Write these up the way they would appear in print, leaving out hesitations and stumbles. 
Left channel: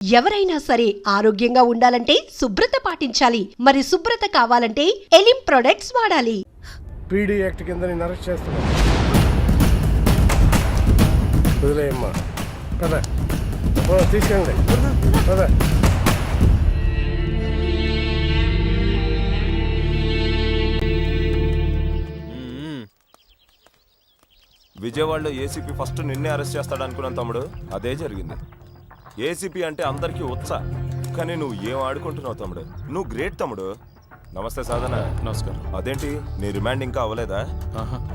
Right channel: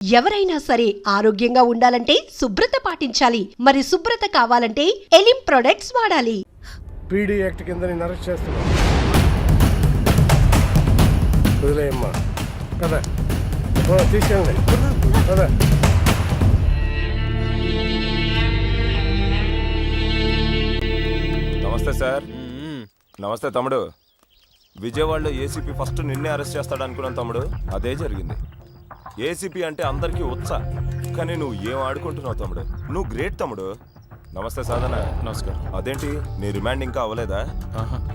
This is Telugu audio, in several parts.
ఎవరైనా సరే ఆరోగ్యంగా ఉండాలంటే శుభ్రత పాటించాలి. మరి శుభ్రత కావాలంటే ఎలిం ప్రొడక్ట్స్ వాడాలి. పీడీ యాక్ట్ కింద నేను అరెస్ట్ చేస్తున్నాను. వదిలేయమ్మా కదా, తీసుకెళ్ళండి కదా. నమస్తే సార్. నమస్తే తమ్ముడు. విజయవాడలో ఏసీపీ ఫస్ట్ నిన్నే అరెస్ట్ చేస్తాడు అనుకున్నాను తమ్ముడు. అదే జరిగింది. ఏసీపీ అంటే అందరికీ ఉత్సా, కానీ నువ్వు ఏం ఆడుకుంటున్నావు తమ్ముడు. నువ్వు గ్రేట్ తమ్ముడు. నమస్తే సాధన. నమస్కారం. అదేంటి నీ రిమాండ్ ఇంకా అవ్వలేదా?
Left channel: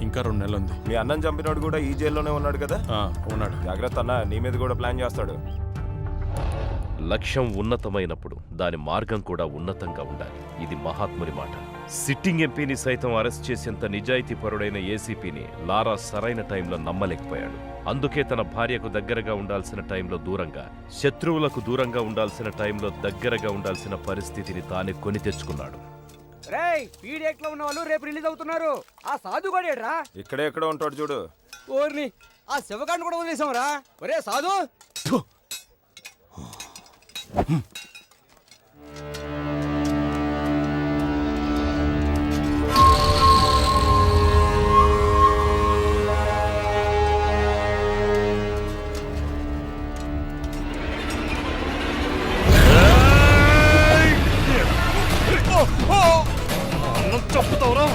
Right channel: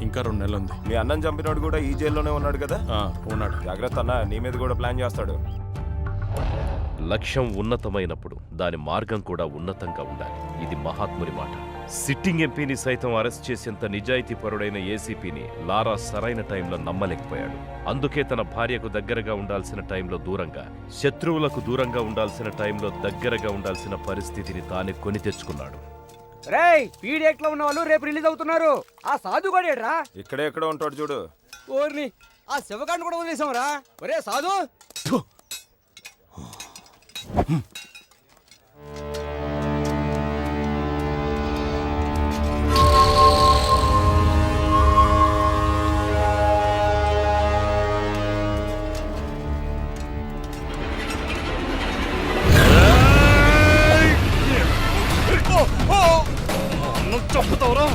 ఇంకా 2 నెలలు ఉంది. మీ అన్నం చంపినోడు కూడా ఈ జైల్లోనే ఉన్నాడు కదా? ఉన్నాడు. జాగ్రత్త అన్న, నీ మీద కూడా ప్లాన్ చేస్తాడు. లక్ష్యం ఉన్నతమైనప్పుడు దాని మార్గం కూడా ఉన్నతంగా ఉండాలి. ఇది మహాత్ముని మాట. సిట్టింగ్ ఎంపీని సైతం అరెస్ట్ చేసేంత నిజాయితీపరుడైన ఏసీపీని లారా సరైన టైంలో నమ్మలేకపోయాడు. అందుకే తన భార్యకు దగ్గరగా ఉండాల్సిన టైంలో దూరంగా, శత్రువులకు దూరంగా ఉండాల్సిన టైంలో దగ్గరగా ఉండాల్సిన పరిస్థితిని తానే కొని తెచ్చుకున్నాడు. పీడిఎక్ లో ఉన్న వాళ్ళు రేపు రిలీజ్ అవుతున్నారు. ఆ సాధు కూడా ఇక్కడే ఎక్కడో ఉంటాడు చూడు. ఓర్ని ఆ శివగాడిని కూడా వదిలేసామరా. ఒరే సాధు, చంపుతావురా?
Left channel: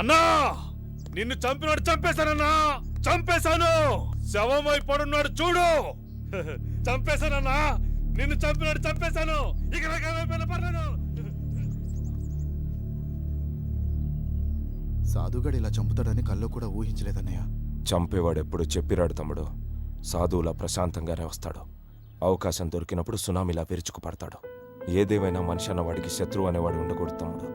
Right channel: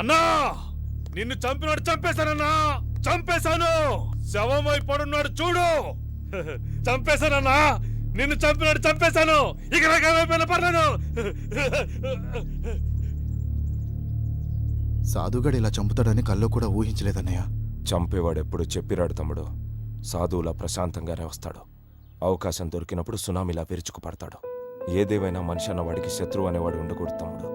అన్నా, నిన్ను చంపినాడు చంపేశానన్నా. చంపేశాను. శవమై పడున్నాడు చూడు. చంపేశానన్నా. నిన్ను చంపినాడు చంపేశాను. ఇక నాకేమైపోయినా పర్లేదు. సాధుగాడు ఇలా చంపుతాడని కల్లో కూడా ఊహించలేదన్నయ్య. చంపేవాడెప్పుడు చెప్పిరాడు తమ్ముడు. సాధువులా ప్రశాంతంగానే వస్తాడు. అవకాశం దొరికినప్పుడు సునామీలా విరుచుకు పడతాడు. ఏదేమైనా మనిషి అన్నవాడికి శత్రువు అనేవాడు ఉండకూడదు తమ్ముడు.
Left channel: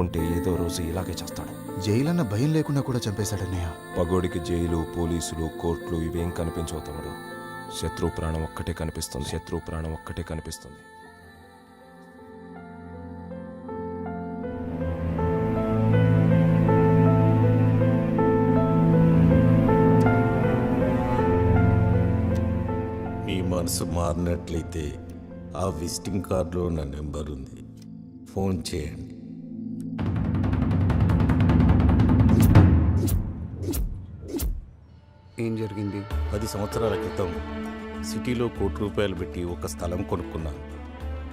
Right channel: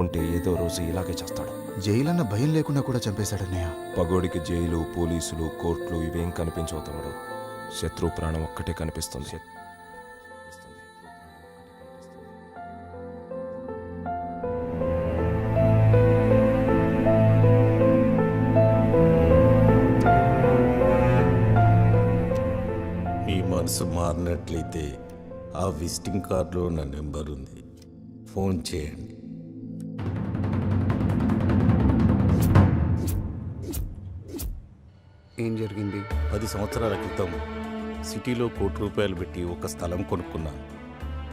ఉంటే ఏదో రోజు ఇలాగే చేస్తాడు. జైలన్న భయం లేకుండా కూడా చంపేశాడన్నయ్య. పగోడికి జైలు, పోలీసులు, కోర్టులు ఇవేం కనిపించవు తమ్ముడు. శత్రు ప్రాణం ఒక్కటే కనిపిస్తుంది. శత్రు ప్రాణం ఒక్కటే కనిపిస్తుంది. మీ మనసు మారినట్లయితే ఆ విజిటింగ్ కార్డులో నా నెంబర్ ఉంది. ఫోన్ చేయండి. ఏం జరిగింది? 10 సంవత్సరాల క్రితం సిటీలో ₹1,00,00,000 పెట్టి ఒక స్థలం కొనుక్కున్నాను.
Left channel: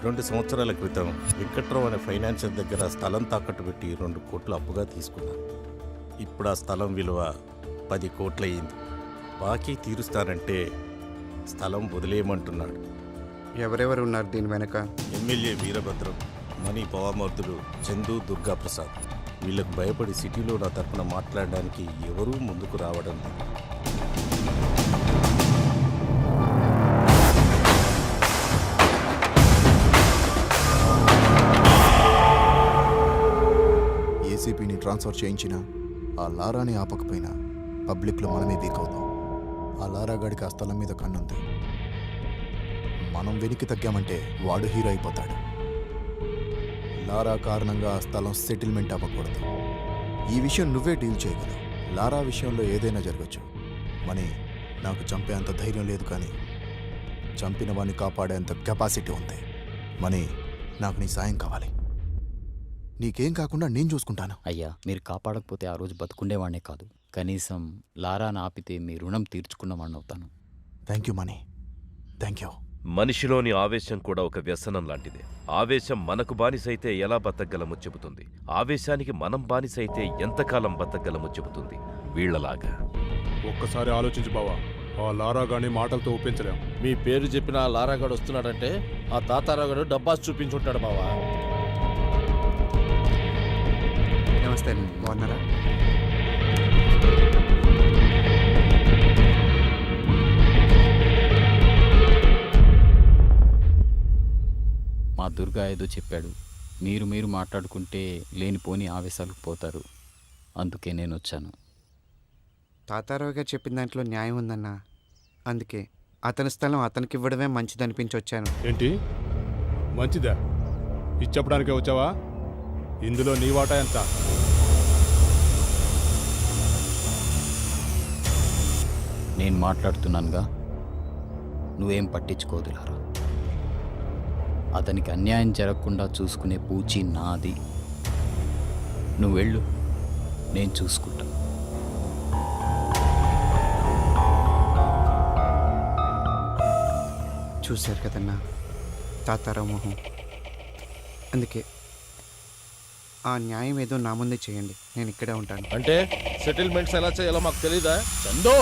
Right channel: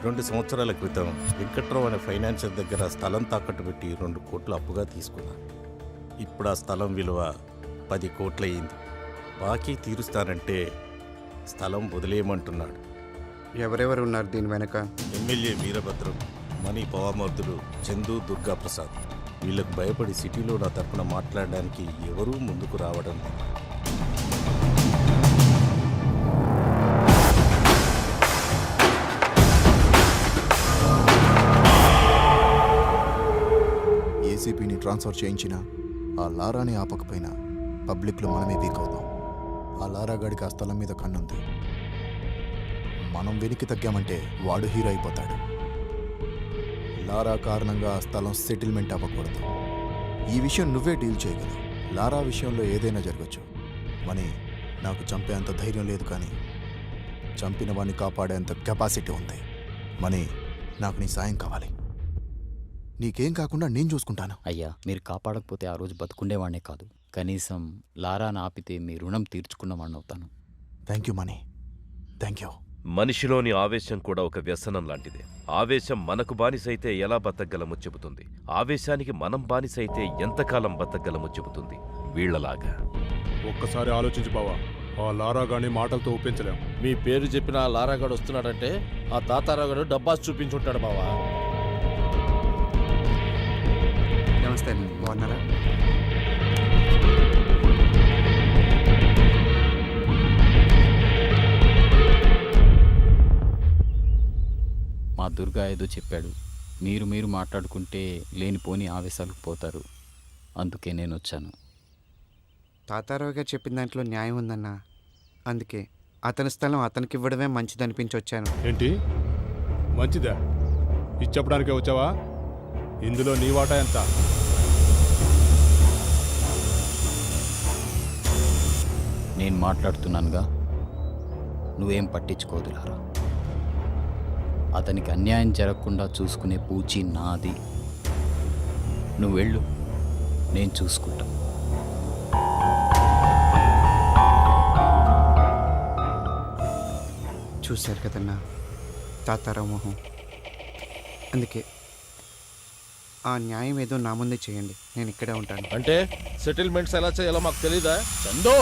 2 సంవత్సరాల క్రితం వెంకట్రావు అనే ఫైనాన్షియర్ దగ్గర స్థలం తాకట్టు పెట్టి 2 కోట్లు అప్పుగా తీసుకున్నాను. ఇప్పుడు ఆ స్థలం విలువ 10 కోట్లు అయింది. బాకీ తీరుస్తానంటే స్థలం వదిలేయమంటున్నాడు. ఎవరెవరు ఉన్నారు దీని వెనక? ఎమ్మెల్యే వీరభద్రం, మణి పవామర్దులు, చందు, దుర్గాప్రసాద్. వీళ్ళకు భయపడి సిటీలో నా తరపున మాట్లాడడానికి ఎవరూ ముందుకు రావడం లేదు. ఏసీపీని ట్రాన్స్ఫర్ చేయించినా ఆ లారాని ఆపకపోయినా పబ్లిక్లో మనమే వీక్ అవుతాం. ఆ లారా గాడికి ఆ స్థలం మీద కన్నుంది. మనం వెనక్కి తగ్గామంటే వాడు హీరో అయిపోతాడు. లారా కారణంగా ఆ స్థలం సెటిల్మెంట్ అవ్వకూడదు. ఈ విషయం నువ్వే డీల్ చేయగలవు. లారా విషయంలో ఏదైనా జరగచ్చు. మనీ, నాకు చంపేంత ధైర్యం లేదు, కానీ చంపిన వాడిని కాపాడేంత కెపాసిటీ ఉంది. మనీ, నాకు నీ సాయం కావాలి. నీకేం కాకుండా నేను చూసుకుంటాను. అయ్యా, మీరు కాపాడకపోతే ఆ రోజు బతుకుండేవాడినే కాదు, కనీసం లారాను ఆపితే మీ రుణం తీర్చుకున్నవాడిని అవుతాను. Thank you money, thank you. మనిషిలోని ఆవేశం కూడా ఒక వ్యసనం లాంటిదే. ఆవేశం మనకు బానిసైతే ఎలా బతకగలమో చెబుతుంది. ఆవేశానికి మనం బానిసైతే ఎంతకాలం బతకగలమో చెబుతుంది. వీళ్లలాగా ఒక్కసారి ఆలోచించు బావా. ఆ లారాగాని మాటలతో ఒప్పించలేం. మీ పేరు చెప్పిన ఆ లారాగాడు వస్తున్నాడంటే ఆ తాతారాగాడు డబ్బాస్ చూపించుంటాడు బావా. నమస్తే అండి, బాగున్నారా? మా దుర్గా ఏదో చెప్పాడు, మీరు మాట్లాడుకుంటే లేనిపోని ఆవేశాలకు పోతారు, అందుకే నేను వచ్చాను. తాతారావు గారు చెప్పిన దాంట్లో న్యాయం ఉందన్నా. అందుకే అతని స్థలం అతనికి ఇవ్వడమే మంచిదనిపించి వచ్చాను. ఏంటి మంచిదా? ఇచ్చప్పడానికే వచ్చావా? ఇందులో నీ వాటా ఎంత? నేను మాట్లాడుతున్నానుగా, నువ్వేం పట్టించుకోదు లారా. అతనికి అన్యాయం జరగకుండా చూసుకునే పూచి నాది. నువ్వు వెళ్ళు, నేను చూసుకుంటా. చూశారు కదన్నా తాతారావు మొహం. అందుకే ఆ న్యాయం ఏదో నా ముందే చేయండి, నేను ఇక్కడే ఉంటాను. అంటే సెటిల్మెంట్స్ ఎలా చేయాలో మాకు తెలీదా చందో?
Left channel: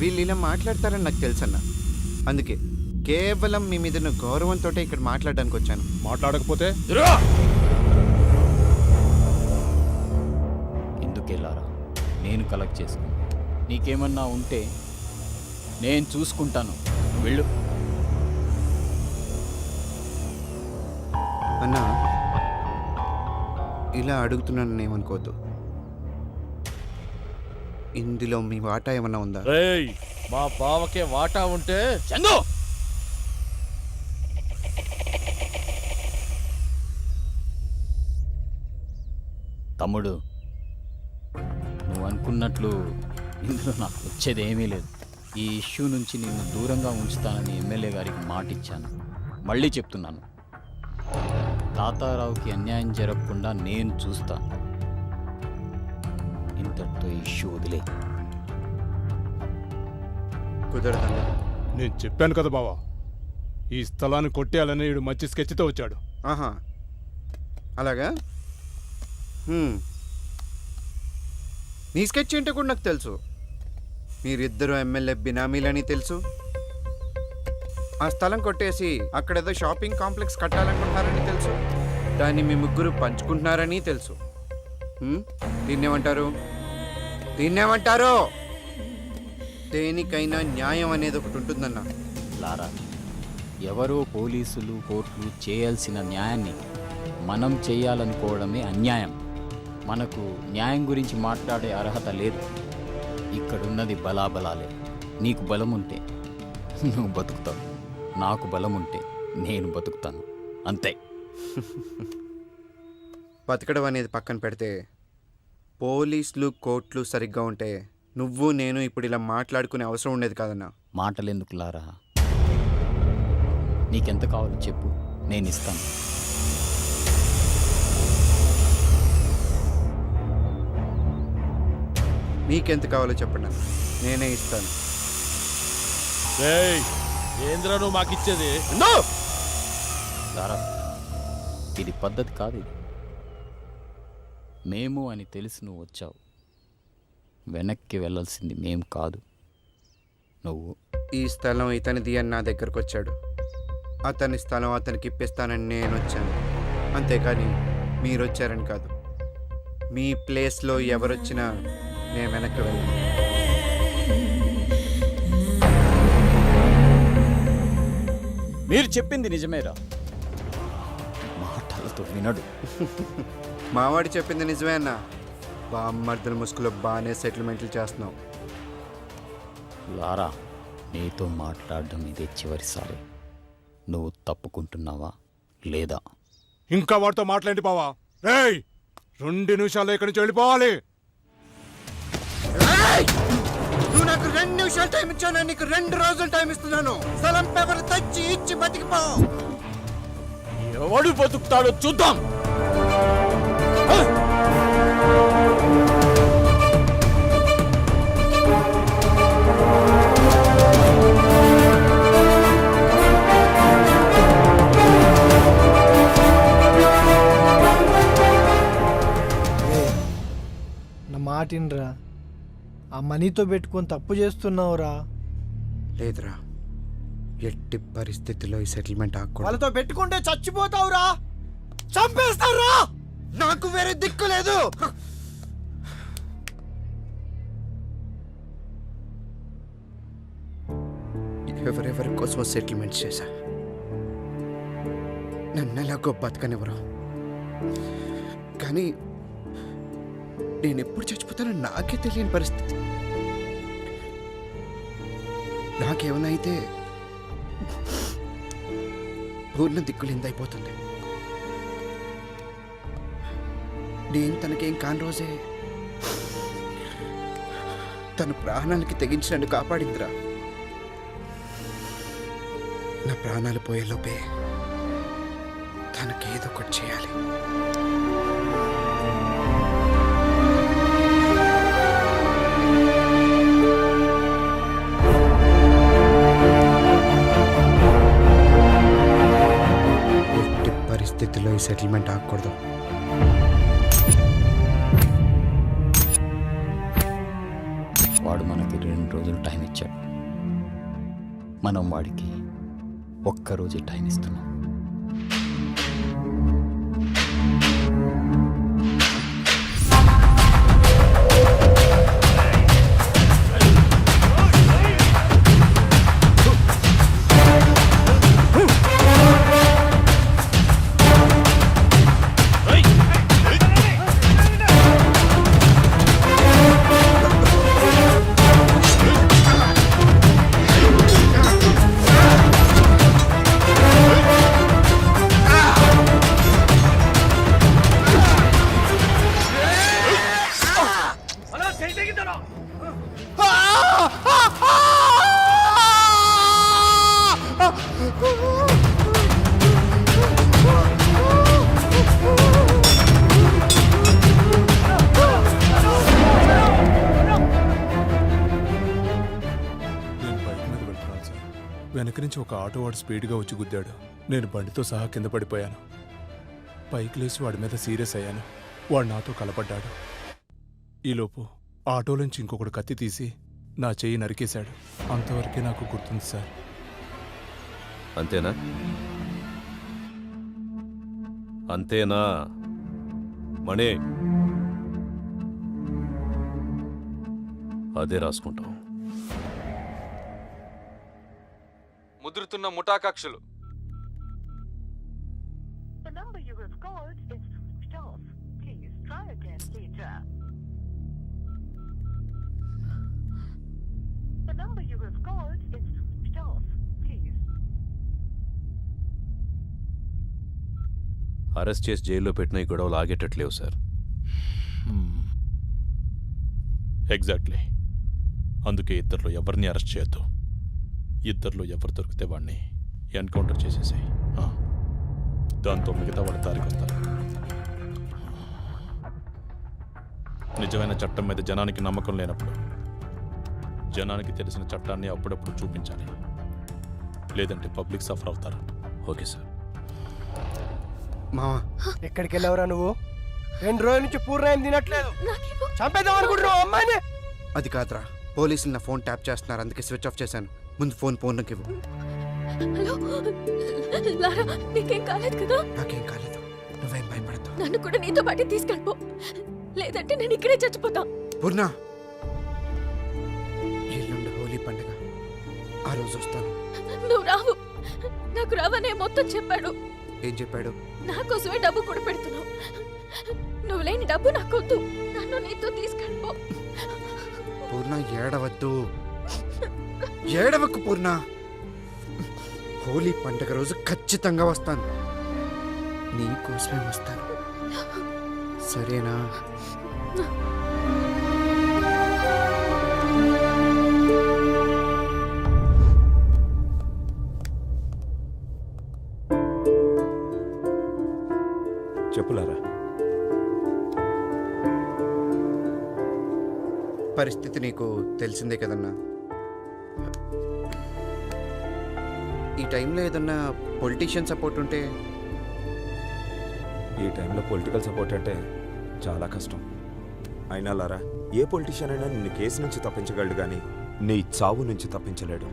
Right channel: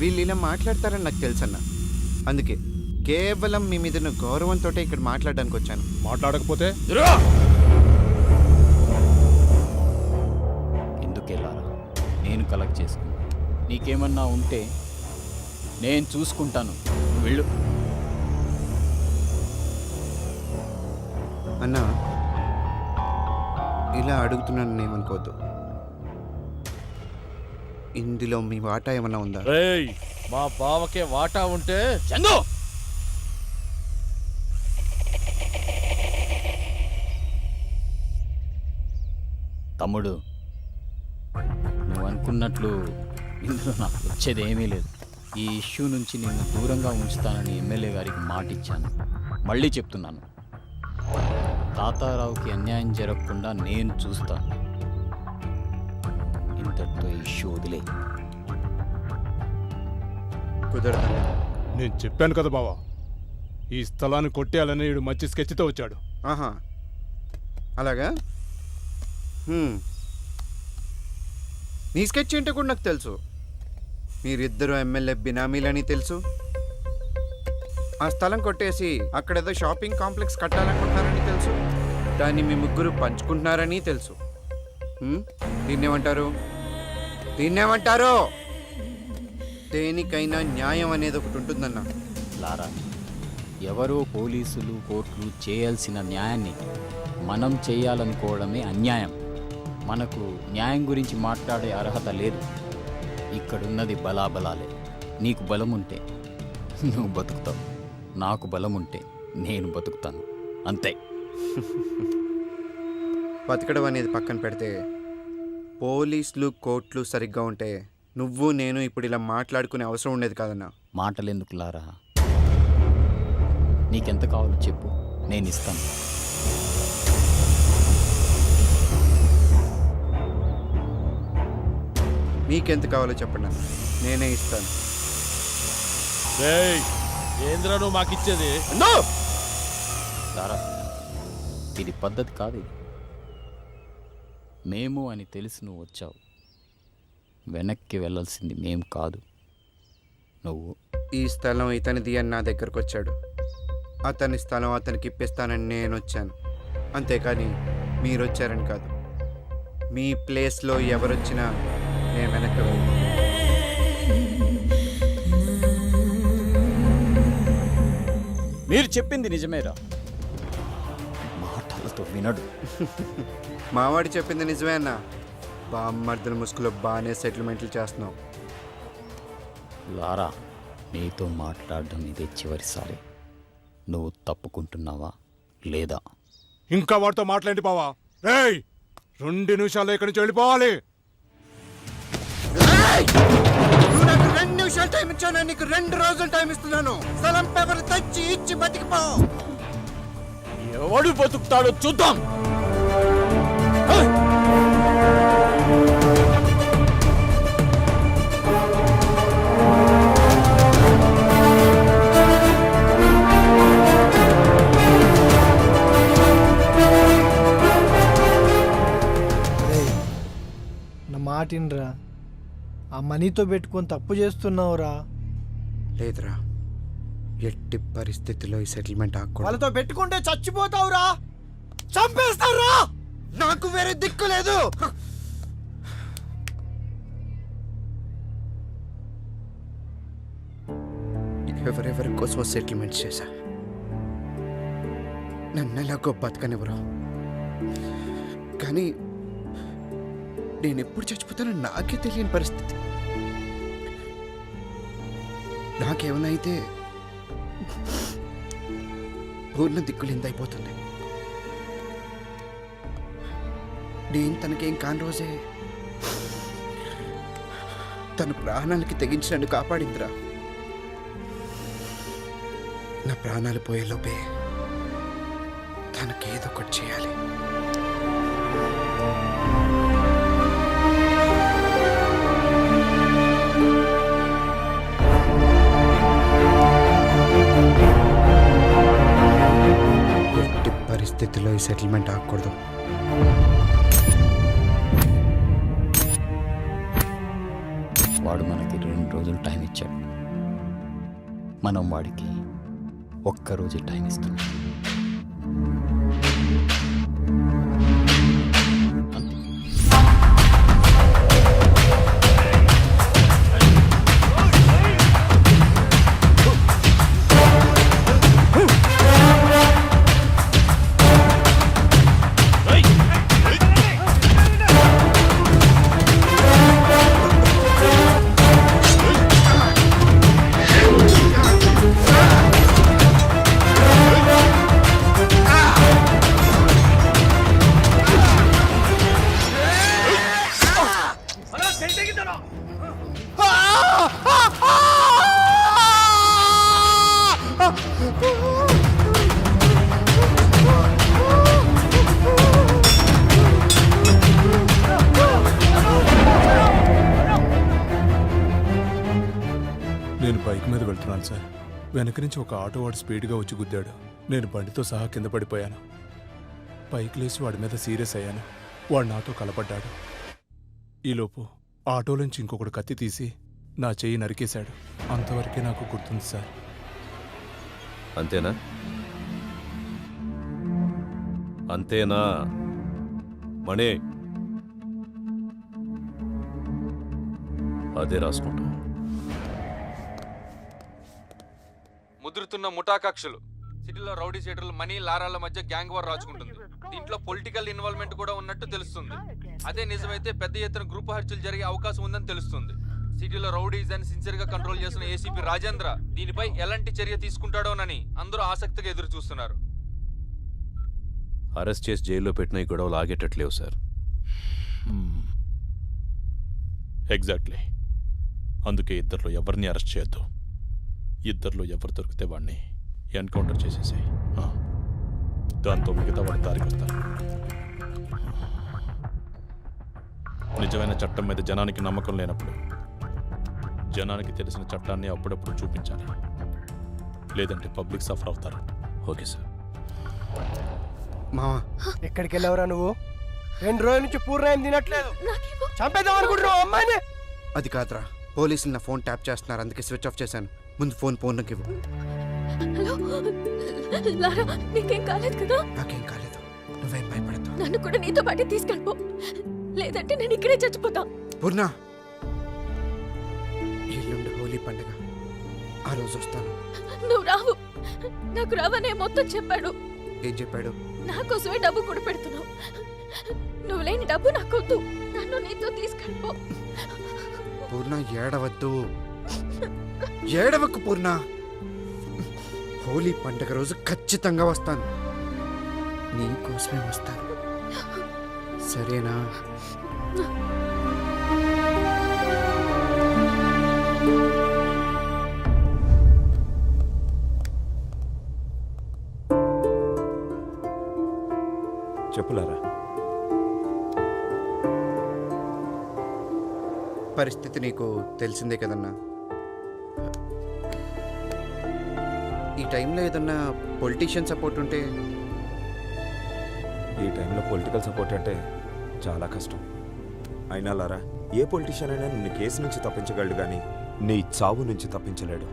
వీళ్ళు ఇలా మాట్లాడతారని నాకు తెలుసన్నా. అందుకే కేవలం మీ మీద ఉన్న గౌరవంతో ఇక్కడ మాట్లాడడానికి వచ్చాను. మాట్లాడకపోతే ఎందుకే లారా, నేను కలెక్ట్ చేసుకుంది. నీకేమన్నా ఉంటే నేను చూసుకుంటాను, నువ్వు వెళ్ళు. అన్నా, ఇలా అడుగుతున్నాను ఏమనుకోవద్దు. ఇందులో మీ వాటా ఏమన్నా ఉందా? రేయ్, మా బావకే వాటా ఉంటే చందు, తమ్ముడు, నువ్వు అనుకున్నట్లు ఇందులో నాకు వచ్చేది ఏమీ లేదు. ఈ ఇష్యూ నుంచి నిన్ను దూరంగా ఉంచుతానని ఎమ్మెల్యే గారికి మాట ఇచ్చాను. మళ్ళీ చెప్తున్నాను, తాతారావుకి అన్యాయం జరగకుండా నేను చూస్తాను. ఇంతటితో ఈ ఇష్యూ వదిలే. కుదరదన్నా. నేను చెప్పాను కదా బావా, ఈ స్థలాన్ని కొట్టేయాలని వీడు మంచి స్కెచ్తో వచ్చాడు. ఆహా, అలాగా? నీ స్కెచ్ ఏంటో కూడా నాకు తెలుసు. మీరిద్దరు ఎమ్మెల్యే బినామీలని తెలుసు. ఆ స్థలం కొట్టేసి అక్కడేదో షాపింగ్ కాంప్లెక్స్ కట్టాలనుకుంటున్నారని తెలుసు. దాన్ని మీ ముగ్గురు పంచుకుంటున్నారని తెలుసు. దీన్నేమంటారు? దీన్నేమంటారు? దేనికైనా న్యాయం అనేది ఒకటి ఉంటుందన్నా. లారా, ఎవరో పోలీసులు కోర్టులు చేయాల్సిన న్యాయాన్ని మనం చేయాలనుకోవడమే అన్యాయం. మనకు న్యాయం గురించి మాట్లాడే అర్హత లేదు. ఇక్కడున్నది బలాబలాలే. నీకు బలం ఉంటే నువ్వు బతుకుతావు, నాకు బలం ఉంటే నేను బతుకుతాను, అంతే. బతకడం అనేది పక్కన పెడితే పోలీసులు కోర్టులు సరిగ్గా ఉంటే నువ్వు నేను ఇప్పుడు ఇలా మాట్లాడుకునే అవసరం ఉండేది కాదన్నా. మాటలెందుకు లారా, నీకెంత కావాలో చెప్పు, నేను ఇస్తాను. మీకెంత కావాలో చెప్పండి అన్న, నేనే ఇస్తాను. రేయ్, ఏంద్రా నువ్వు మాకిచ్చేది? లారా, ఇది పద్ధతి కాదు. ఇది మేము అని తెలిసి నువ్వు వచ్చావు. వెనక్కి వెళ్ళాల్సింది మేం కాదు, నువ్వు. ఈ స్థలం ఇతనిది అని నా దగ్గరకు వచ్చాడు. అతని స్థలం అతనికి ఇప్పిస్తానని నేను వచ్చాను. అంతేకాని మీరు వచ్చారని కాదు. మీ ప్లేస్లో ఎవరొచ్చినా నేను వెనక్కి వెళ్ళను. మీరు చెప్పింది నిజమేరా, మాటలతో వినడు. మావాడి చెప్పింది నిజమే అన్న. బామ్మర్దుల ముసుగులో బాగానే సెటిల్మెంట్లు చేస్తున్నావు. లారా, నీతో మాట్లాడడం ఇదే చివరిసారి. నువ్వు తప్పుకుంటున్నావా లేదా? ఇంకా వాడితో మాట్లాడి బావా. రేయ్, 2 నిమిషాల్లో ఇక్కడి నుంచి వెళ్ళిపోవాలి. నువ్వు నాకు 2 నిమిషాలు టైం ఇచ్చాను, నీకు 2 రోజులు టైం ఇస్తున్నాను. స్థలం పేపర్ తెచ్చి ఇచ్చి బతికిపో. ఎవడు బతుకుతాడో చూద్దాం. మాటినరా. ఆ మనీతో పెట్టుకొని తప్పు చేస్తున్నావురా. లేదురా, ఎట్టి పరిస్థితిలో ఈ సెటిల్మెంట్ ఆకూడదు. వాళ్ళతో పెట్టుకుంటే చచ్చిపోతావురా, చంపేస్తావురా. నాకు వేరే దిక్కు లేదు. ఎవరెవరి కోసం సెటిల్మెంట్ చేశా, నన్ను ఎలాగో బతకనివ్వరు. కానీ నేను ఎప్పుడు చచ్చిపోతానో నాకే తెలియని పరిస్థితి. నాకేమైనా అయితే పూర్ణ దిక్కులిందైపోతుంది. నేను తనకేం కాని రోజే తన ప్రాణాలకి తెగించి నన్ను కాపాడిందిరా. నా ప్రాణాలు పోయేలోపే తనకేదో ఒకటి చేయాలి. ఎట్టి పరిస్థితిలో ఈ సెటిల్మెంట్ ఆగకూడదు. వాడు మనకి 2 రోజులు టైం ఇచ్చాడు, మనం వాడికి ఒక్కరోజే టైం ఇస్తున్నాం. నేను బైక్ మీద వెళ్తున్నాను సార్. వెనక నుంచి ఒక ఆటో వాడు స్పీడ్గా వచ్చి గుద్దాడు. నేను బండితో సహా కింద పడిపోయాను. పైకి లేచి వాడి మీద సీరియస్ అయ్యాను. వాడు నాతో కలపడ్డాడు. ఈలోపు ఆటోలోంచి ఇంకొకడు కత్తి తీసి నా చెయ్యి నరికేశాడు. అంతవరకే నాకు గుర్తుంది సార్. అంతేనా? అంతేనా మణి? అదే రాసుకుంటాం. ముదురుతున్న ముఠా కక్షలు, సిటీలో రౌడీ షీటర్లు, మనీ లారాల మధ్య గ్యాంగ్ వార్ రాచుకుంటుంది. దీంట్లో పొలిటికల్ ఇన్వాల్వ్మెంట్ కూడా ఉన్నట్టు తెలుస్తుంది. అదే నిజమైతే పెద్ద ఎత్తున గ్రూప్ హత్యలు జరిగే అవకాశం ఉందని తెలుస్తుంది. సిటీలో రౌడీస్ అని సిన్సియర్ గా కంట్రోల్ చేస్తున్న ఏసీపీ రాజేంద్ర దీనిపై ఎలాంటి చర్య తీసుకుంటాడోనని అందరూ ఆసక్తిగా ఎదురు చూస్తున్నారు. అరెస్ట్ చేసి జైల్లో పెట్టిన ఈ గొడవలు ఆగేటట్లేవు సార్. ఎగ్జాక్ట్లీ. అందుకే ఇద్దరిలో ఎవరిని అరెస్ట్ చేయొద్దు. ఇద్దరిలో ఎవరు దొరికితే వాడిని ఎన్కౌంటర్ చేసేసాయి. దాంతో మిగతా వాడి దారికి వస్తారు. నిజమైన చట్టం మీద జనానికి నమ్మకం లేనప్పుడు జనానికి తెలిసిన చట్టాన్ని అప్పుడప్పుడు చూపించాలి. లేదంటే పబ్లిక్ సఫర్ అవుతారు. Okay sir. మావా, ఎక్కడికి వెళ్ళావురా నువ్వు? 2 రోజుల నుంచి పూర్ణయం తినట్లేదు. చంపేద్దాం అనుకుంటున్నావు అమ్మాయిని? అది కాదురా, పోలీసులు నా ఫోన్ ట్యాప్ చేస్తున్నారు, అందుకే స్విచ్ ఆఫ్ చేశాను. ముందు ఫోన్ పూర్ణకి ఇవ్వు. హలో లారా, నీకేం కాలేదు కదా? నాకేం కాలేదు, నువ్వేం భయపడద్దు. నన్ను కూడా నీతో పాటే తీసుకెళ్ళిపో, లేదంటే నేను ఇక్కడే చచ్చిపోతా. పూర్ణ, ఎల్లుండి హోలీ పండుగ, ఆ రోజు వస్తాను. నువ్వు రావు. నాకు రావనే మొత్తం చెప్పాడు. ఏం చెప్పాడు? నా కోసమే డబ్బు కూడా పెడుతున్నావు. నువ్వు లేని డబ్బు నాకొద్దు, నన్ను నీతో తీసుకెళ్ళిపో. పూర్ణ, ఏడవద్దు, ఏడవకు పూర్ణ. హోలీ పండుగ రోజు ఖచ్చితంగా వస్తాను, నీకోసమే వస్తాను, సరేనా? చెప్పులారా. పరిస్థితి నీకు తెలిసిందే కదన్నా. ఈ టైంలో ఏదన్నా పొలిటీషియన్ సపోర్ట్ ఉంటే? ఈ టైంలో పొలిటికల్ సపోర్ట్ అంటే చాలా కష్టం. అయినా లారా, ఏ పొలిటీషియన్ అయినా నిన్ను కేసు నుంచి తప్పించగలడు గాని నీ చావు నుంచి తప్పించలేడు.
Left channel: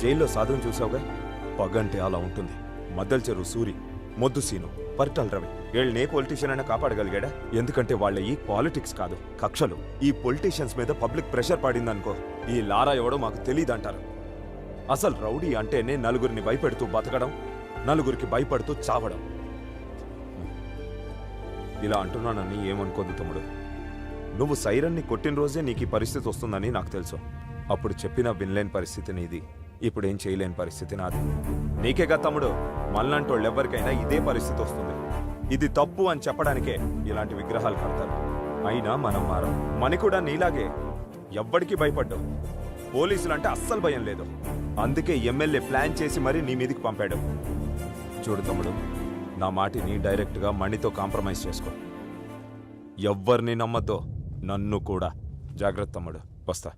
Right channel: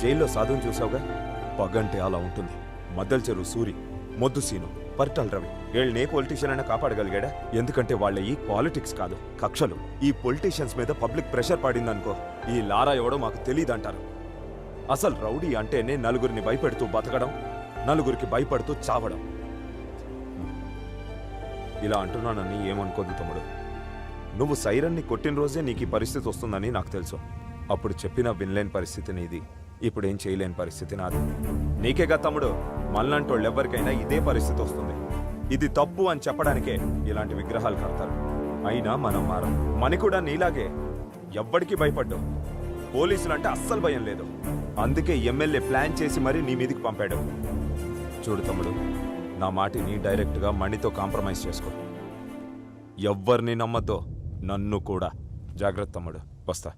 జైల్లో సాధువుని చూసావుగా, పగంటే అలా ఉంటుంది. మద్దెల చెరువు సూరి, మొద్దు సీను, పరిటాల రవి వీళ్ళని ఏ పొలిటీషియన్ అయినా కాపాడగలిగాడా? ఎందుకంటే వాళ్ళ ఈ పాలిటిక్స్ కాదు, కక్షలు. ఈ పొలిటీషియన్స్ మీద పబ్లిక్ ప్రెషర్ పడిందనుకో, ఈ లారా ఎవడో మాకు తెలియదంటారు. అసలు రౌడీ అంటేనే నలుగురిని భయపెడుతూ బతకడం, నలుగురికి భయపడుతూ చావడం. ఇలా అంటున్నానని ఏమనుకోదు తమ్ముడు. నువ్వు సైరన్ని కొట్టిన రోజే నీకు ఈ పరిస్థితి వస్తుందని నాకు తెలుసు. అప్పుడు చెప్పినా వినలేని పరిస్థితి నీది, ఇప్పుడేం చేయలేని పరిస్థితి నాది. నీకేగా తమ్ముడు, మళ్ళంటోళ్ళు ఎవరికైనా ఇదే పరిస్థితి వస్తుంది. ఇది తప్పు అని చెప్పడానికే ఇలాంటి విగ్రహాలు కడతారు. అయినా మనం మారం. మని కూడా నీలాగే ఎవ్వడికి భయపడ్డావు. పోలీసులంటే అస్సలు భయం లేదు. అందుకే ఎమ్మెల్యే ప్లాన్ చేసి మరీ నీ మీదికి పంపాడు. చూడు తమ్ముడు, నా మాటిని డైరెక్ట్గా మణితో కాంప్రమైజ్ చేసుకో. ఎవ్వరిని నమ్మద్దో, నన్ను కూడా. జాగ్రత్త తమ్ముడు, వస్తా.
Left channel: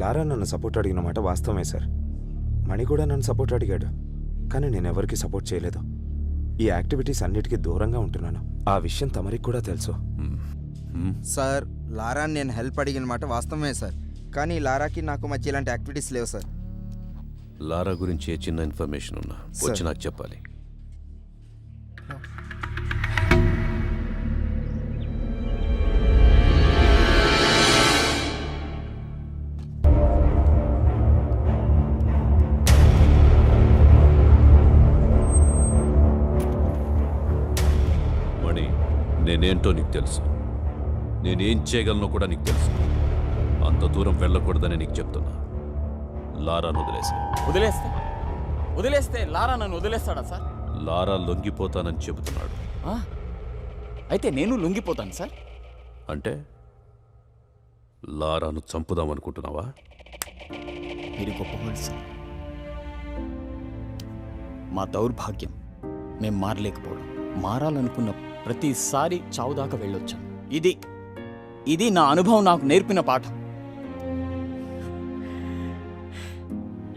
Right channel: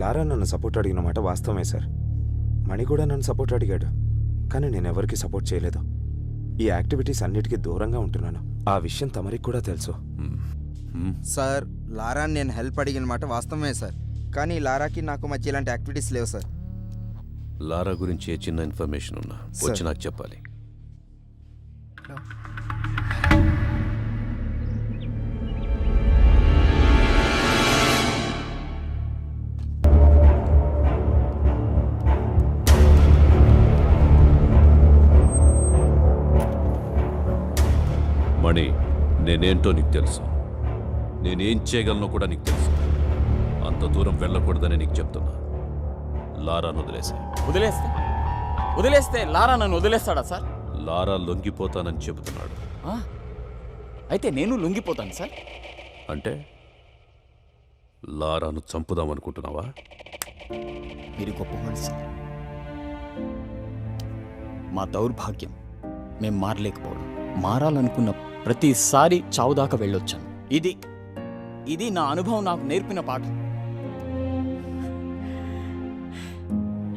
లారా నన్ను సపోర్ట్ అడిగిన మాట వాస్తవమే సార్. మణి కూడా నన్ను సపోర్ట్ అడిగాడు, కానీ నేను ఎవరికి సపోర్ట్ చేయలేదు. ఈ యాక్టివిటీస్ అన్నిటికీ దూరంగా ఉంటున్నాను. ఆ విషయం తమరికి కూడా తెలుసు. సార్, లారాని నేను హెల్ప్ అడిగిన మాట వాస్తవమే సార్, కానీ లారాకి నాకు మధ్య ఇలాంటి యాక్టివిటీస్ లేవు సార్. లారా గురించి ఏ చిన్న ఇన్ఫర్మేషన్ ఉన్నా వచ్చి నాకు చెప్పాలి. మణి, నేనేంటో నీకు తెలుసు, నేనేం చేయగలనో కూడా నీకు తెలుసు. అంత దూరం వెళ్ళకూడదని నీకు చెప్తున్నా. లారాను వదిలేస్తే లారా నన్ను వదిలేస్తాడా సార్? లారా లొంగిపోతానని చెబుతున్నాడు. అయితే నేను లొంగిపోతాను సార్. అంటే లారాను చంపుదామనుకుంటున్నావా? మీరు గొప్పవాళ్ళు సార్. మా దౌర్భాగ్యం మేం మారలేకపోవడం. మారాలనుకున్న ప్రతిసారి చావుదాకా వెళ్ళొచ్చాను. ఇది నా అనుభవం నాకు నేర్పిన పాఠం.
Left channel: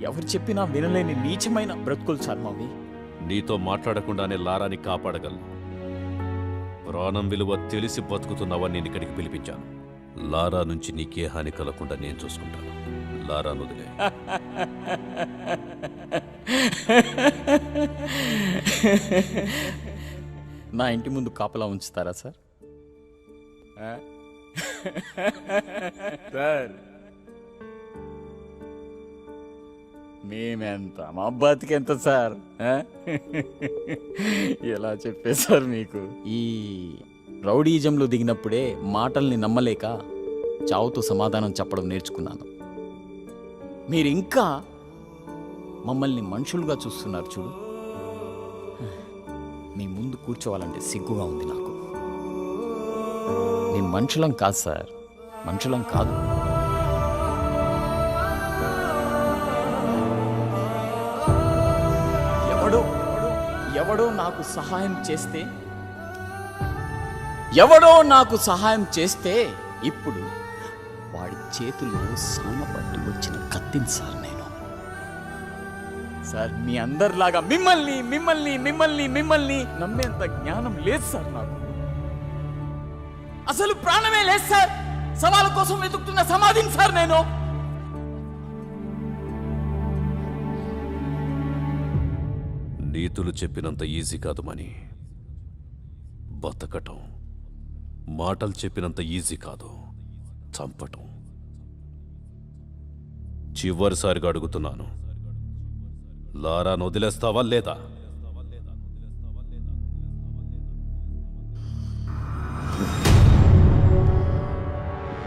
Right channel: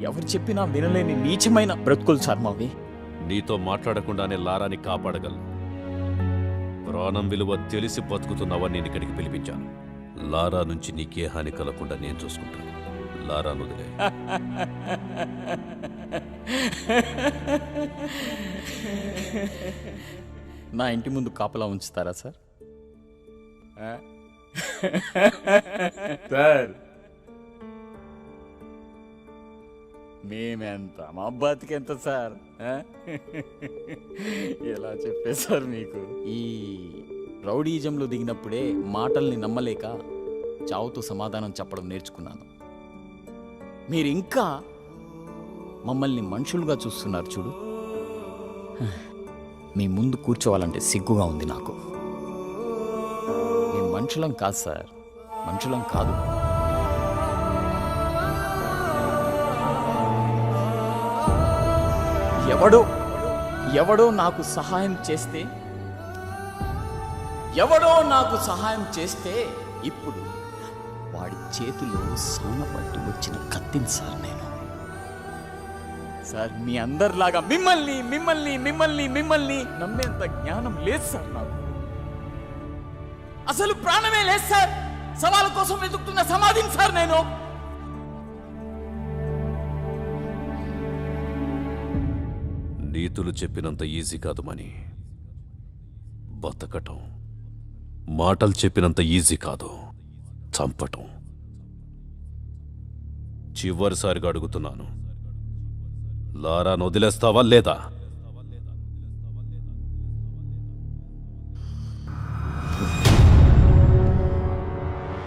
ఎవరు చెప్పినా వినలేని నీచమైన బ్రతుకులు సార్ మావి. నీతో మాట్లాడకుండానే లారాని కాపాడగలను. ప్రాణం విలువ తెలిసి బతుకుతున్నావని నేను ఇక్కడికి పిలిపించాను. లారా నుంచి నీకే హాని కలగకుండా నేను చూసుకుంటాను. లారాను వదిలే. నా ఇంటి ముందు కాపలా ఉంచుతారా సార్? సార్ మేమెంత, మా బతికెంత సార్? ఎలా చెప్పేశారు మీకు? ఈ రౌడీజంలో దిగినప్పుడే మాటల్ని నమ్మలేక చావుతో సమాధానం చెప్పడం నేర్చుకున్నాను. మీరు ఇంకా మమ్మల్ని మనుషులుగా చూస్తున్నారు చూడు. మీ ముందు కూర్చోవాలంటే సిగ్గుగా ఉంది నాకు. మేము మనుషులం కాదు సార్, మనుషులం కాదు. ఎవడో నాకు సహాయం చేస్తే ఇప్పుడు వాడి చేతిలో సానపట్టి వచ్చిన కత్తిని సార్ నేను. సార్ మీ అందరిలాగా మిమ్మల్ని నమ్మేంత జ్ఞానం లేదు సార్ నాకు. అసలు ప్రాణమే లేదు సార్. సవాల కోసం వెతుకుతున్న సమాధిని సార్ నేను. నీతులు చెప్పినంత ఈజీ కాదు మని. బతకటం మాటలు చెప్పినంత ఈజీ కాదు, చంపటం. చివరిసారిగా అడుగుతున్నాను, లారాను వదిలేస్తావా లేదా?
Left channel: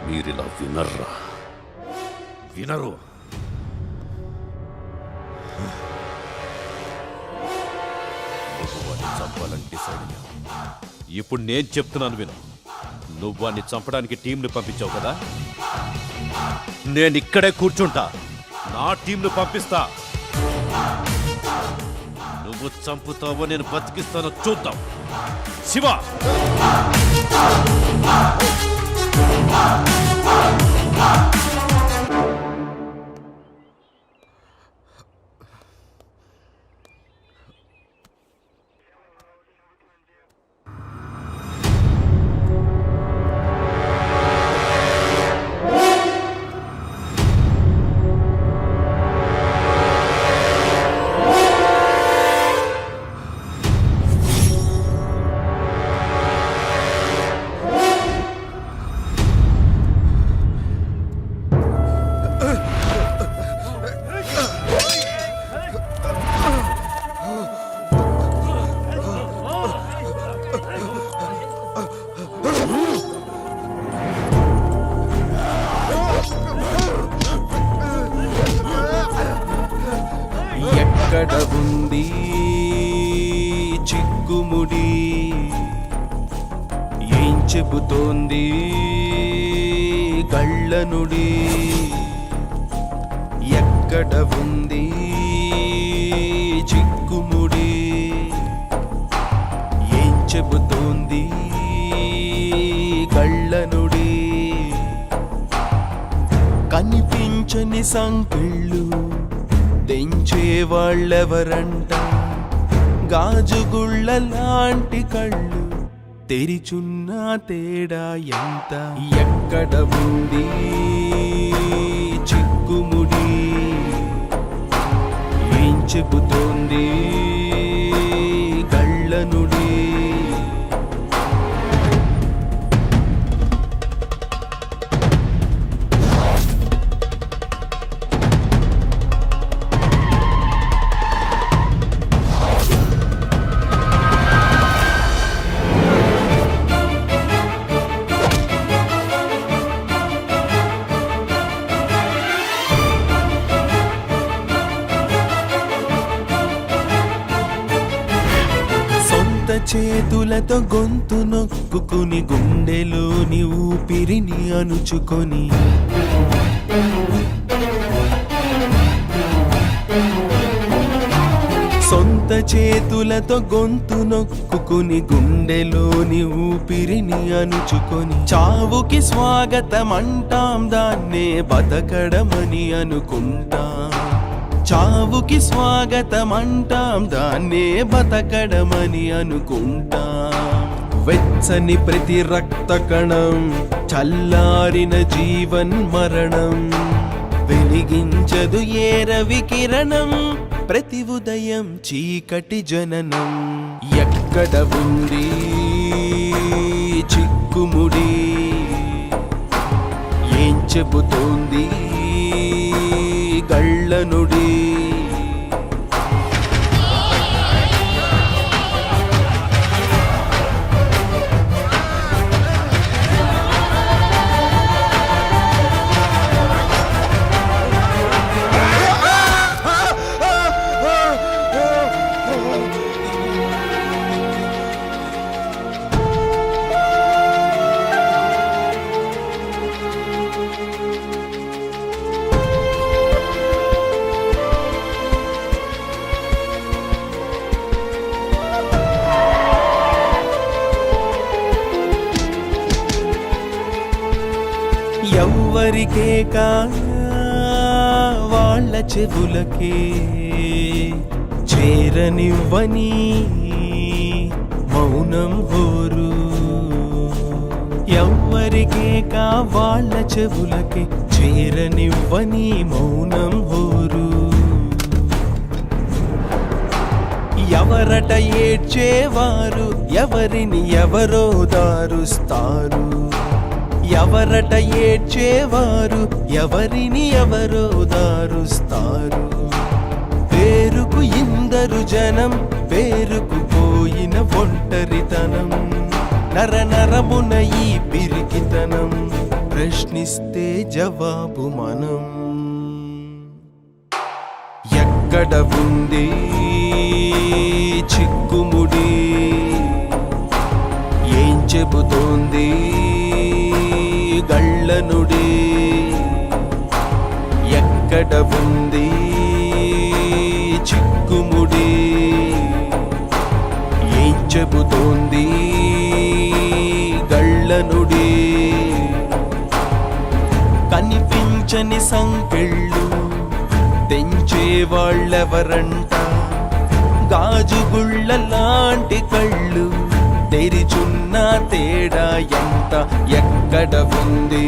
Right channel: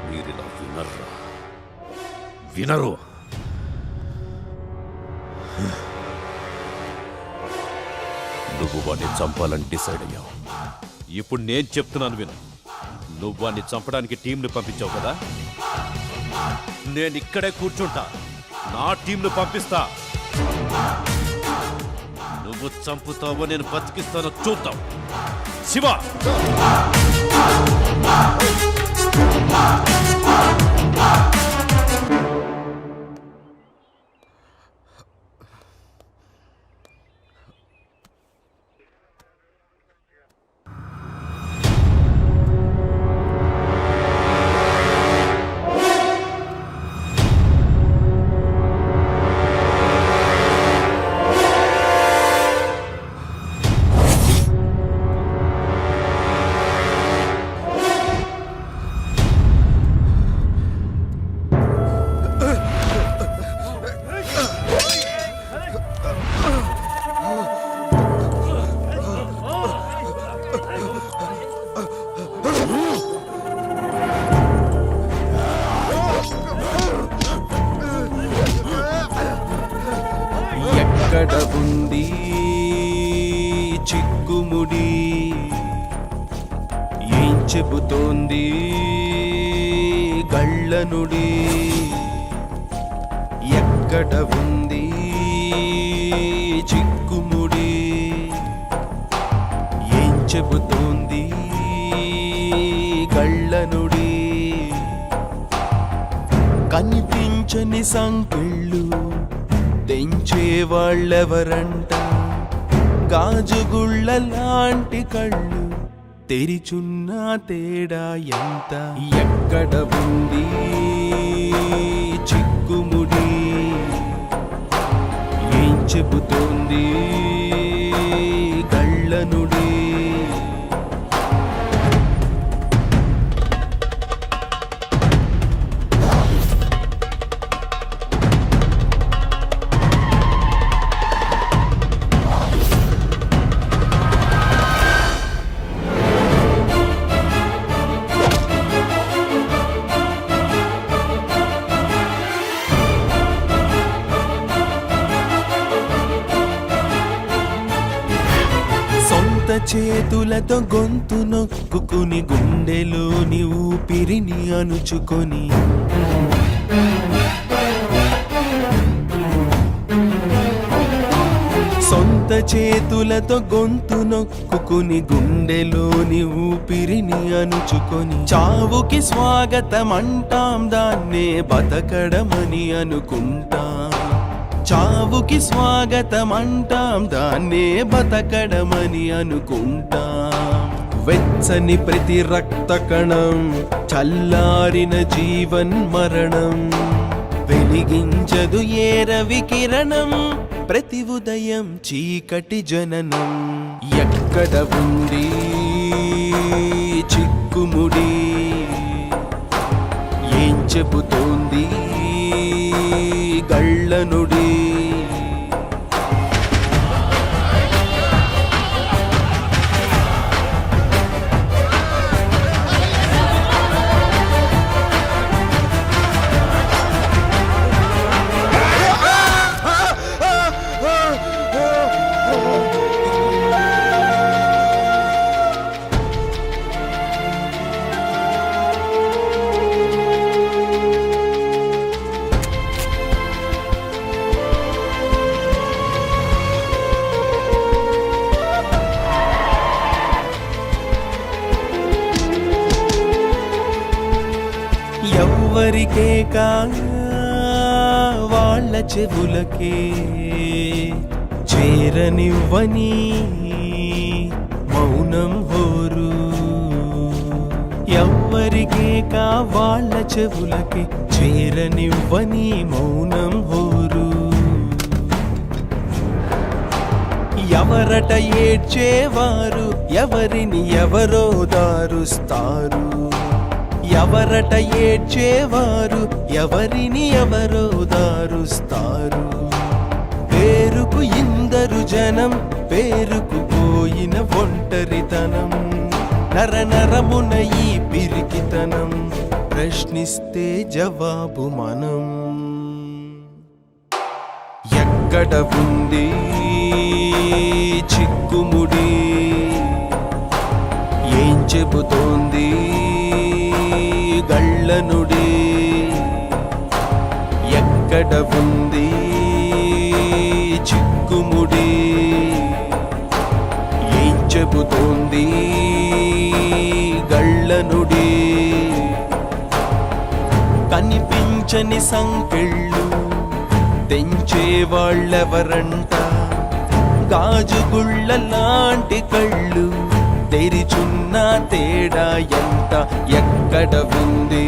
మీరిలా వినరు. నువ్వు వాడిని చంపాలని డిసైడ్ అయ్యావు. ఇప్పుడు నేను చెప్తున్నాను విను. నువ్వు వాడిని చంపడానికి టీంని పంపించావు కదా, నేను ఇక్కడే కూర్చుంటా, నా టీంను పంపిస్తా. నువ్వు చంపుతావో నేను బతికిస్తానో చూద్దాం. శివ, ఎక్కడ ఉంది చిక్కుముడి, ఏం చెబుతోంది గళ్ళనుడి? ఎక్కడ ఉంది చిక్కుముడి, ఏం చెబుతోంది గళ్ళనుడి? కనిపించని సంకెళ్ళు తెంచే వాళ్ళెవరంట, గాజుగుళ్ళ లాంటి కళ్ళు తెరిచున్న తేడా ఎంత? ఎక్కడ ఉంది చిక్కుముడి, ఏం చెబుతోంది గళ్ళనుడి? చేతులతో గొంతు నొక్కుని గుండెలోని ఊపిరిని అణుచుకొని సొంత చేతులతో గొంతు నొక్కుని గుండెలోని ఊపిరిని అణుచుకొని చావుకి స్వాగతం అంటాం, దాన్నే బతకడమని అనుకుంటాం. చావుకి స్వాగతం అంటాం, దాన్నే బతకడమని అనుకుంటాం. వెచ్చని ప్రతి రక్త కణం, చల్లారిన జీవన్ మరణం, వెలిగించదు ఏ రవి కిరణం, ప్రతి ఉదయం చీకటి జననం. ఎక్కడ ఉంది చిక్కుముడి, ఏం చెబుతోంది గళ్ళనుడి. ఎవ్వరికే కా వాళ్ళ చెవులకే చేరనివ్వని మౌనం హోరు. ఎవ్వరికే కా వాళ్ళ చెవులకే చేరనివ్వని మౌనం హోరు. ఎవరట ఏడ్చేవారు, ఎవరిని ఎవరో దారుస్తారు. ఎవరట ఏడ్చేవారు, ఎవరిని ఎవరో దారుస్తారు. పేరుకు ఇందరు జనం, పేరుకు పోయిన ఒంటరితనం. నరనరమున ఈ పిరికితనం, ప్రశ్నిస్తే జవాబు మనం. ఎక్కడ ఉంది చిక్కుముడి, ఏం చెబుతోంది గళ్ళనుడి. ఎక్కడ ఉంది చిక్కుముడి, ఏం చెబుతోంది గళ్ళనుడి. కనిపించని సంకెళ్ళు తెంచే వాళ్ళెవరంట, గాజుగుళ్ళ లాంటి కళ్ళు తెరిచున్న తేడా ఎంత. ఎక్కడ ఉంది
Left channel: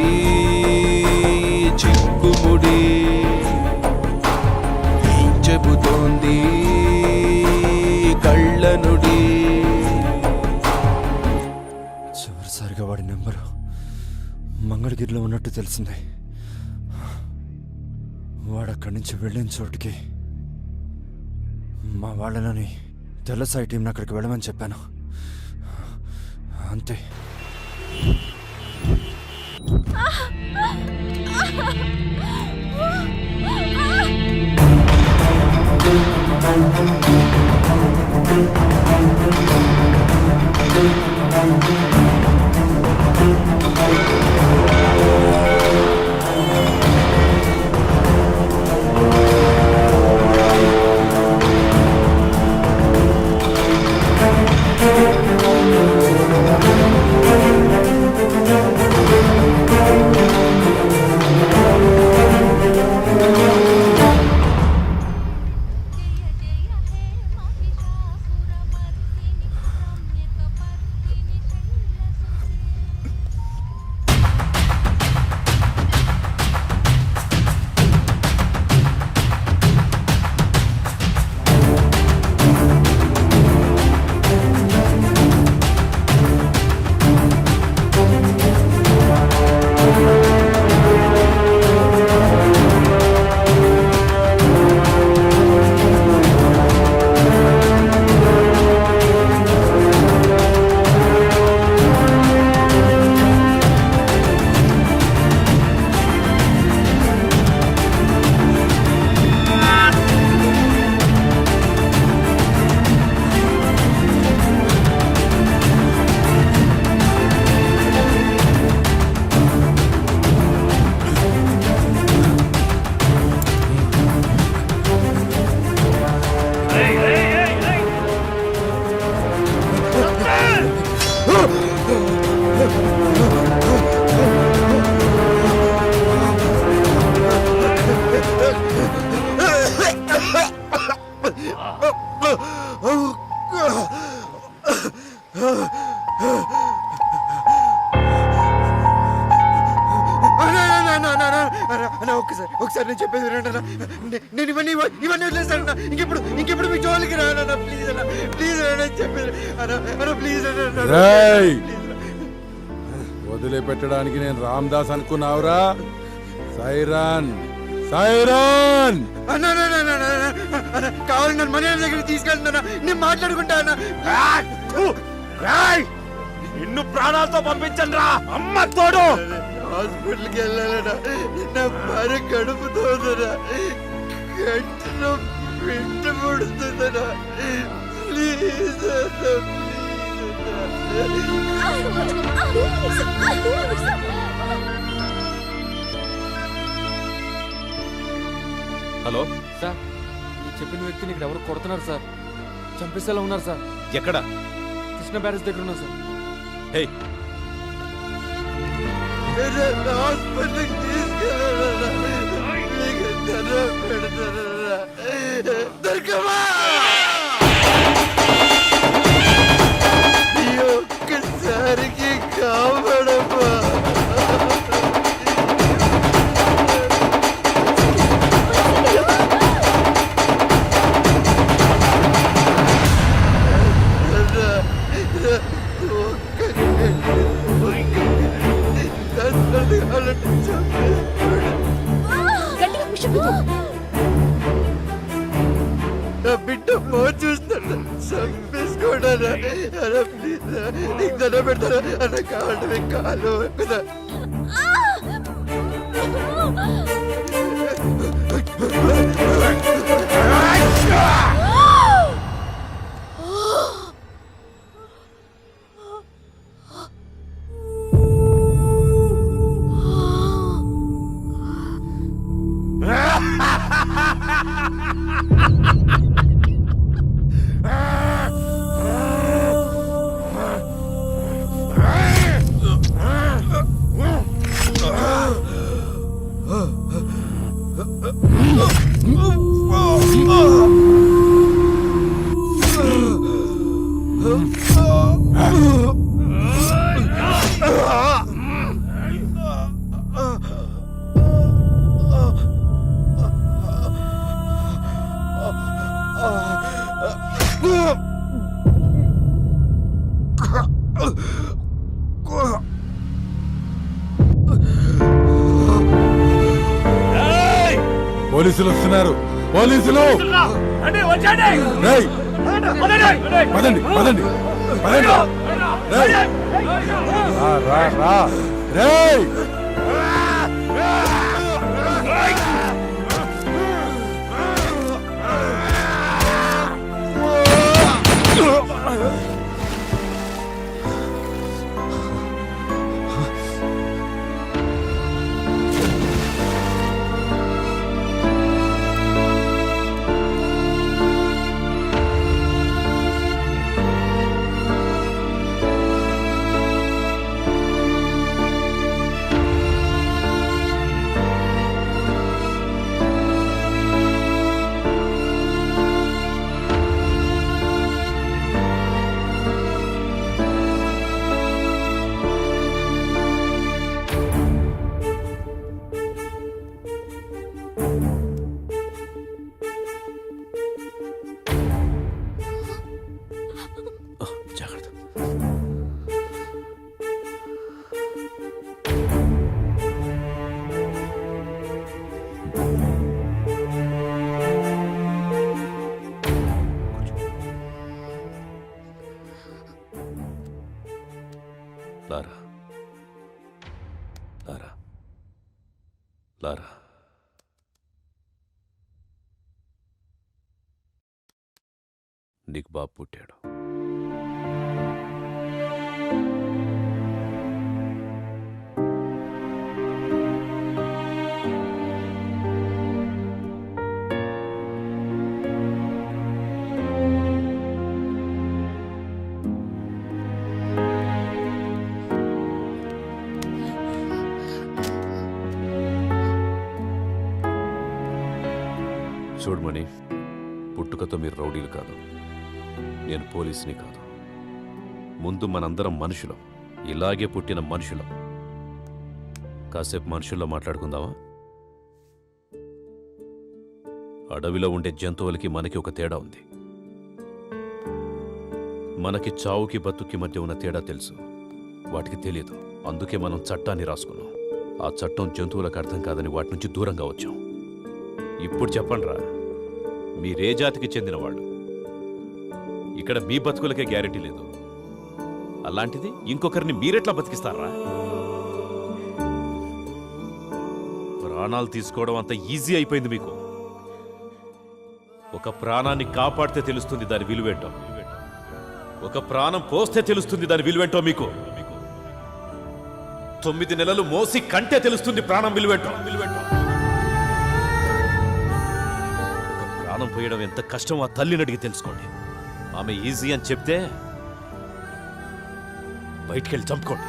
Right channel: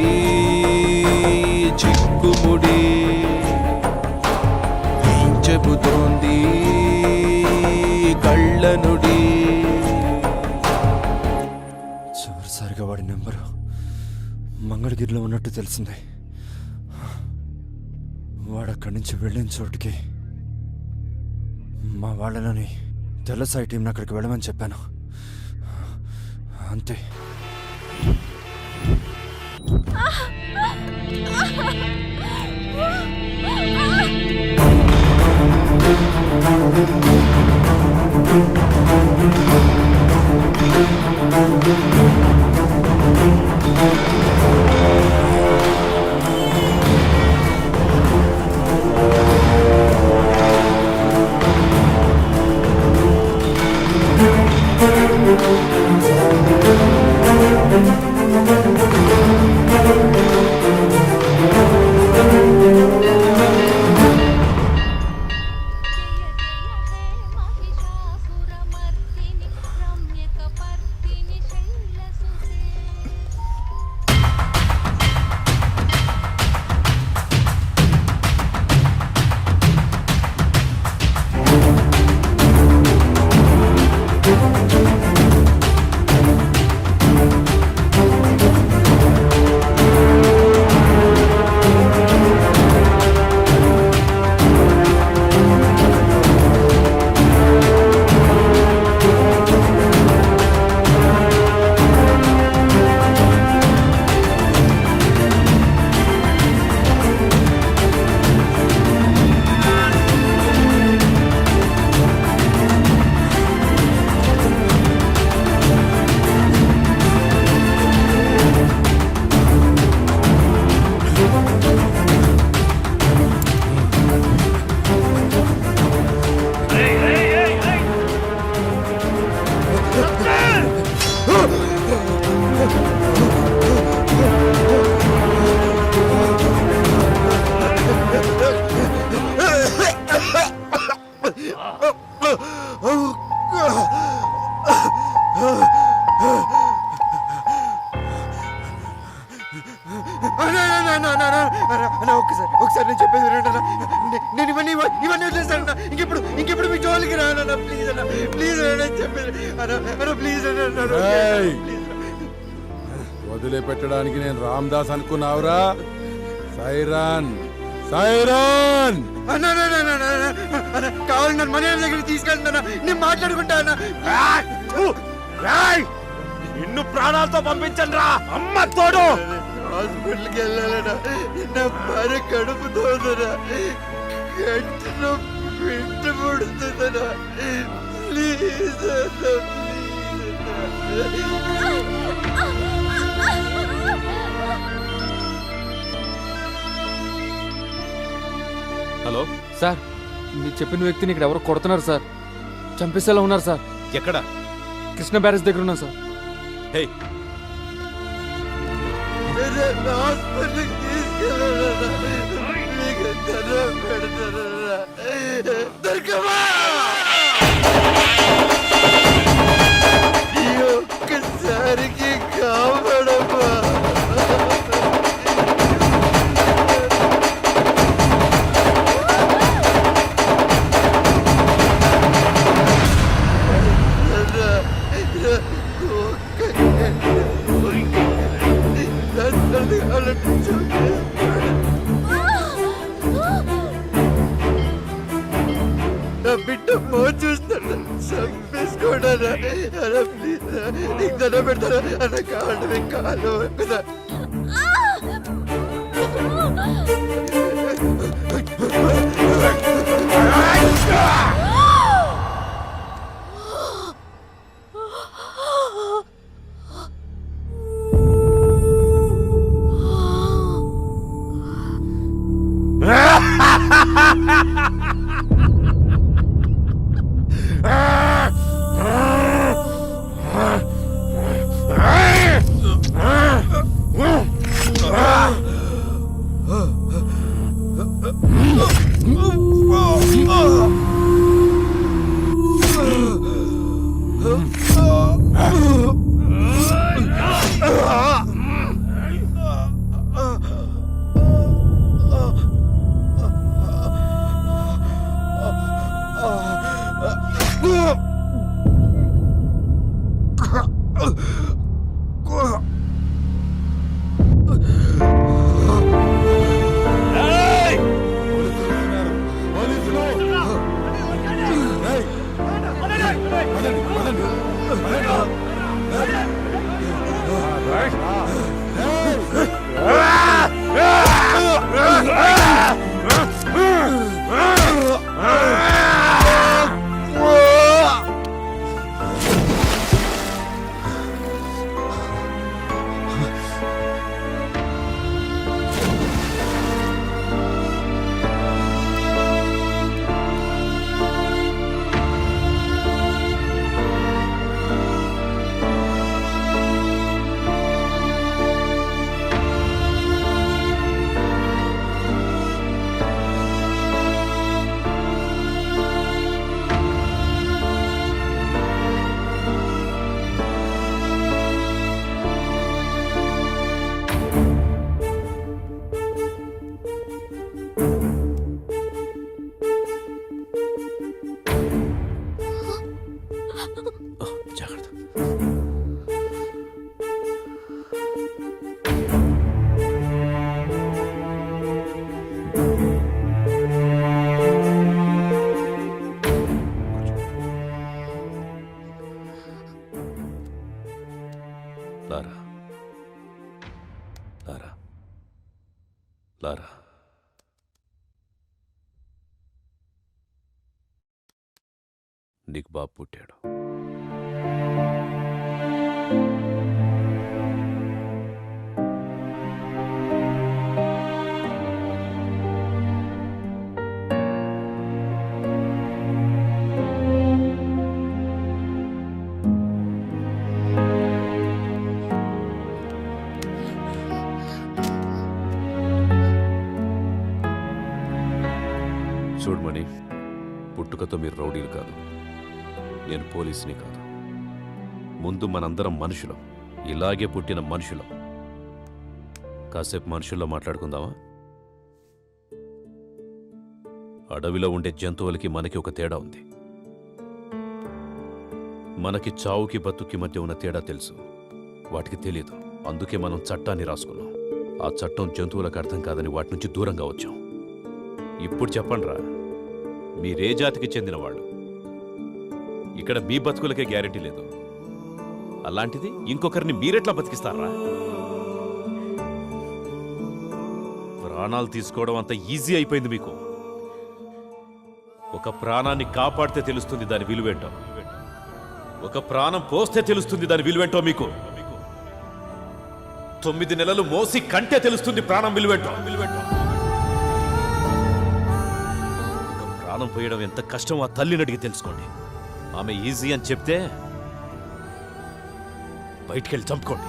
చిక్కుముడి, ఏం చెబుతోంది కళ్ళనుడి. చివరిసారిగా వాడి నెంబరు మంగళగిరిలో ఉన్నట్టు తెలిసింది. వాడు అక్కడి నుంచి వెళ్ళిన చోటుకి మా వాళ్ళని తెల్లసాయి టీంని అక్కడికి వెళ్ళమని చెప్పాను. అంతే. ఒకసారి నేను చెప్పేది వినండి అన్న. నేను ఇవన్నీ వదిలేస్తాను అన్న. ఇంకెప్పుడు మీ జోలికి రానన్న. ప్లీజ్ అన్న, ప్లీజ్ అన్న చెప్పేది అన్న, ప్లీజ్ అన్న. రేయ్! వదిలిపెట్టడానికి నేను రామ్దాస్ అనుకున్నావురా? సైరాన్ సైరాన్ కావాలి నన్ను మన దగ్గరికి తీసుకెళ్తున్నా, నేను మాట్లాడుకుంటా అన్న. నిన్ను ప్రాణాలతో పంపించండి రా, అమ్మ తోడు. హాస్పిటల్కి వెళ్ళాలన్నా, నా భార్య కడుపుతోందనా, గంటలో బిడ్డ పుడుతుందనా. ప్లీజ్ అన్న, ప్లీజ్ హలో సార్, మీరు చెప్పిన వ్యక్తిని ఇక్కడ ఎవరు కొడుతున్నారు సార్, చంపేసేలా ఉన్నారు సార్. ఎక్కడ? కృష్ణ బ్యారేజ్ దగ్గర ఉన్నా సార్. హే, హాస్పిటల్కి తీసుకెళ్ళాలన్నా, మీకు దండం పెడతానన్నా. దొరకమా ఈ ఒక్కసారికి కాపాడమ్మా. నా బిడ్డ పో చూస్తాడు, చంపేసుకోడా. ప్లీజ్ నీకు దండం పెడతారా అన్న, కావాలి మీకు కాలు కదా. పోలీసులు వస్తున్నారు, పోలీసులు! రేయ్! పదండి పదండి పదండి! రేయ్! రా, రా, రా! రేయ్! జాగ్రత్త. లారా, లారా, లారా. నీకు బాబు పుట్టాడు. చూడమణి, పుట్టుకతో మీరు రౌడీలు కాదు, నేను పోలీసుని కాదు. ముందు మనందరం మనుషులం, ఇలాగే పుట్టిన మనుషులం. కాసేపు మనుషుల్లో మాట్లాడుకుందామా? అడవిలో ఉండే జంతువులకి మనకి ఒక తేడా ఉంది. మనకి చావుకి బతుక్కి మధ్య ఉన్న తేడా తెలుసు, వాటికి తెలియదు. అందుకే మనం చట్టాన్ని రాసుకున్నాం. ఆ చట్టం జంతువులకు అర్థం కాదని వాటి నుంచి దూరంగా వచ్చాం. ఇప్పుడు చెప్పండిరా, మీరే జాతికి చెందిన వాళ్ళు? ఇక్కడ మీ బతుకులకే గ్యారెంటీ లేదు, అలాంటిది ఇంకొకరిని మీరెట్లా బతికిస్తారా? ప్రాణాలు తీసుకోవడం అంత ఈజీ అయిపోయింది మీకు. ఒక ప్రాణాన్ని కాపాడితే తెలుస్తుంది దాని విలువేంటో, ఒక ప్రాణం పోస్తే తెలుస్తుంది దాని విలువేంటో మీకు. 9 నెలలు మోసి కంటే తెలుస్తుంది ప్రాణం విలువేంటో. ఒక ప్రాణం పోయడం ఎంత కష్టం ఆ తల్లిని అడిగి తెలుసుకోండి. ఆమె ఈజీ అని చెప్తే బయటికెళ్ళి చంపుకోండి.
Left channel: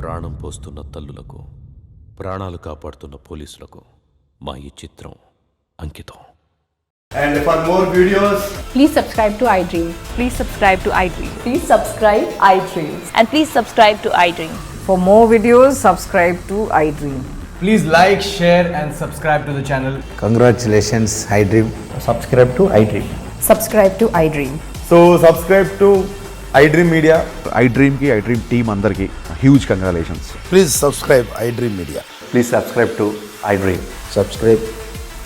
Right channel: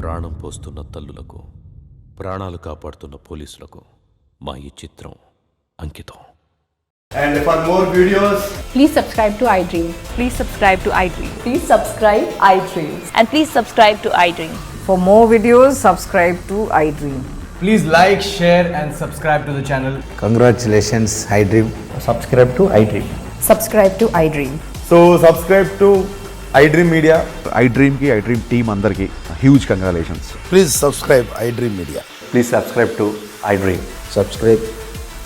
ప్రాణం పోస్తున్న తల్లులకు, ప్రాణాలు కాపాడుతున్న పోలీసులకు మా ఈ చిత్రం అంకితం. And for more videos, please subscribe to iDream. Please subscribe to iDream. Please subscribe iDream. And please subscribe to iDream. For more videos, subscribe to iDream. please like, share and subscribe to the channel. Congratulations, iDream. Subscribe to iDream. Subscribe to iDream. So subscribe to iDream Media. iDream ki iDream team andarki huge congratulations. Please subscribe iDream Media. Please subscribe to iDream. Subscribe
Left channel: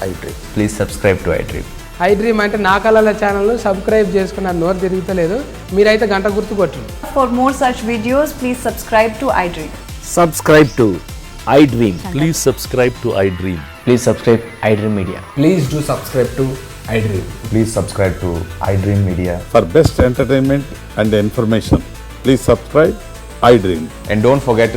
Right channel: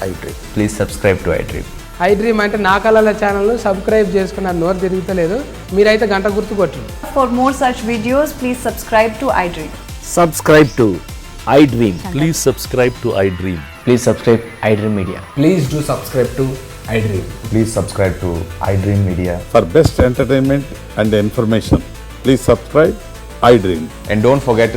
iDream. Please subscribe to iDream. iDream అంటే నా కళల ఛానల్ను సబ్స్క్రైబ్ చేసుకున్న నోరు తిరుగుతలేదు, మీరైతే గంట గుర్తు కొట్టండి. For more such videos, please subscribe to iDream. Subscribe to iDream. Please subscribe to iDream. Please subscribe iDream Media. Please do subscribe to iDream. Please subscribe to iDream Media. For best entertainment and information, please subscribe iDream. And don't forget to